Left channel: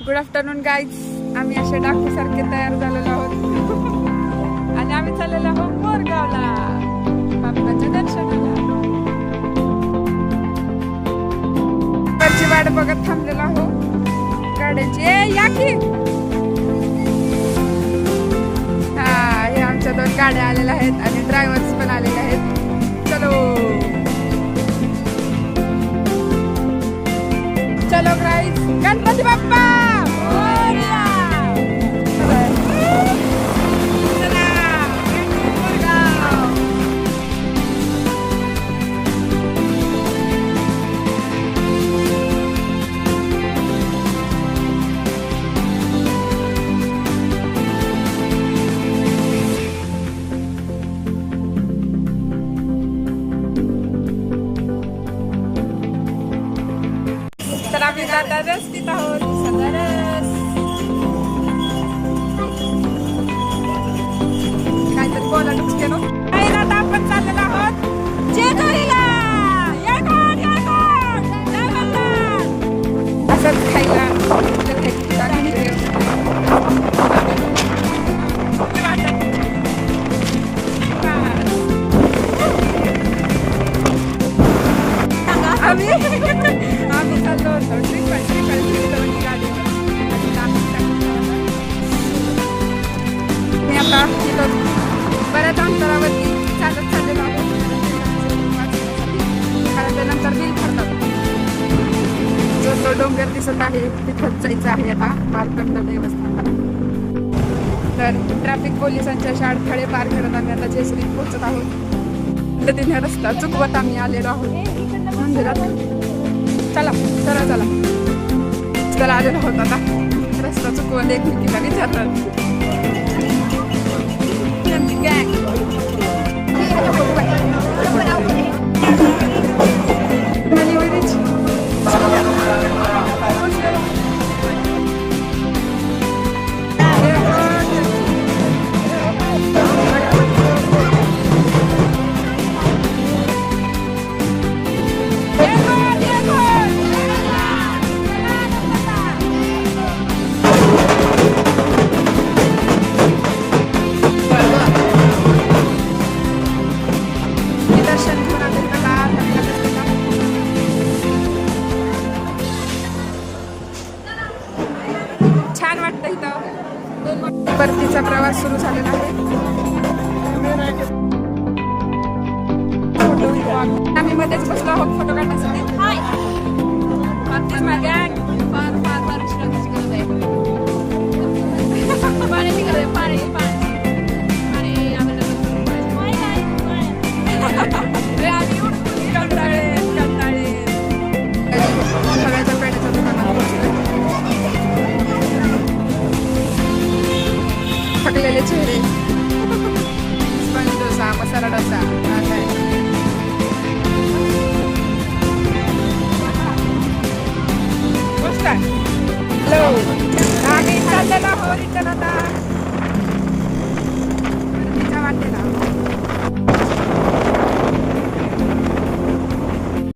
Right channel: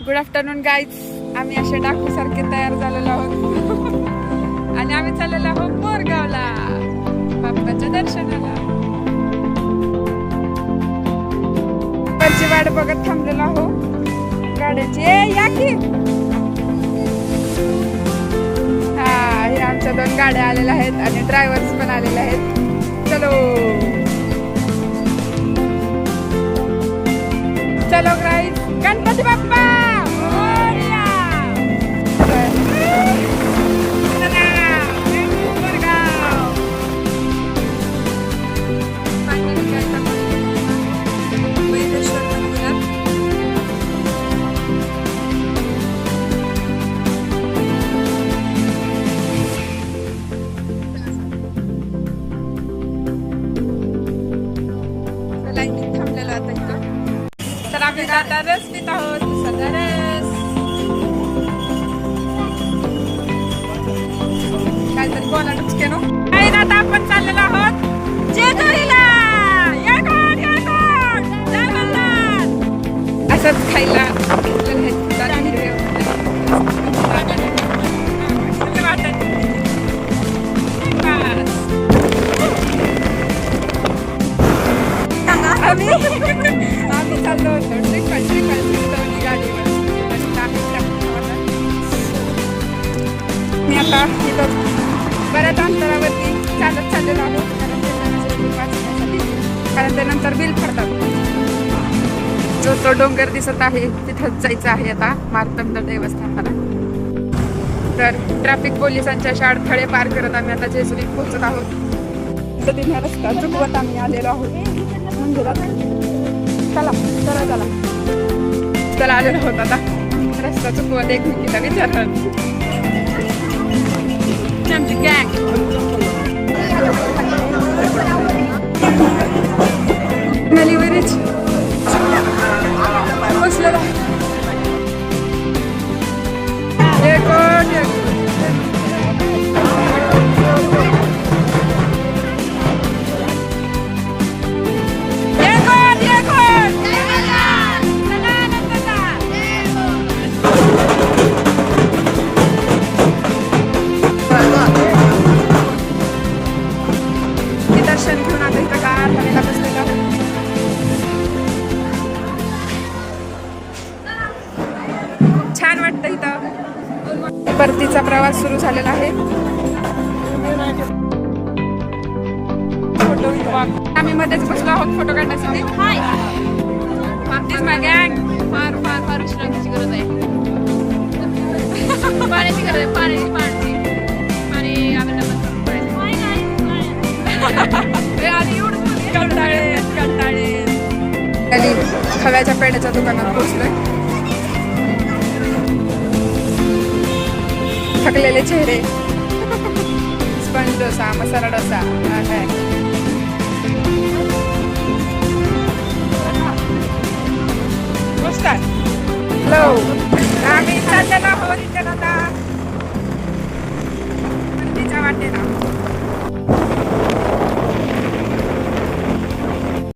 Good afternoon guys. आम्ही असे डाकू सारखे तयार झालेलो आहोत आणि आम्ही चाललेलो आहोत मोरगावला बाप्पाच्या दर्शनाला. वरची वाट बघत थांबलेलो आहो गाड्यांची. या की हा, हे आमच्या 2 गाड्या आलेल्या आहेत आणि ड्रायव्हर्स पण आलेले आहेत. चलो चलो गाईज, गणपती बाप्पा मोरया. चला मोरगाव. तर आम्ही आता रस पित आहोत, सध्या रस. काहीतरी बोला टुचके नो. काही ना, आता आपण चाललेलो आहोत जेजुरीला. असंच खायला आम्ही चाललो होतो ट्रिपल गाडीवर. मी आता इथं बऱ्याच अंतरावरती चालत चाललेलो आहोत कारण ते नंतर बिल फाडतात. जो तो डोंगर दिसत आहे तिथंच जायचं आहे आता मार्तंड देवस्थानाला. तर ट्रॅफिक पोलिसांच्या अशा अडथळे पार करत आम्ही आता जेजुरीत पोहोचत आहोत. तिथे रस्ता चुकवत आम्ही आलेलो आहोत मंदिरात. चला चला चला चला आलेलो आहोत आता. रस्ता चुकवत एकमेकीला विचारलं आमची गँग. दर्शन घेऊन आता इथं का लागतात असते का. छान वाटतं इथं. परतीचा प्रवास सुरू झालेला आहे. फोटो आम्ही मध्येच बसलो आहोत फोटो काढण्यासाठी. फार फार फार विश्रांतीची गरज आहे. पाण्याची गरज आहे. पाणी कंटाळे हव्याच्या पेढ्याच्या दुकानात पोहोचलोय. थकलेले चेहरे. स्पंज डोसा, मसाला डोसा. हॅलो, आम्ही चाललेलो आहोत रिटर्न आता तिच्या वाटेला.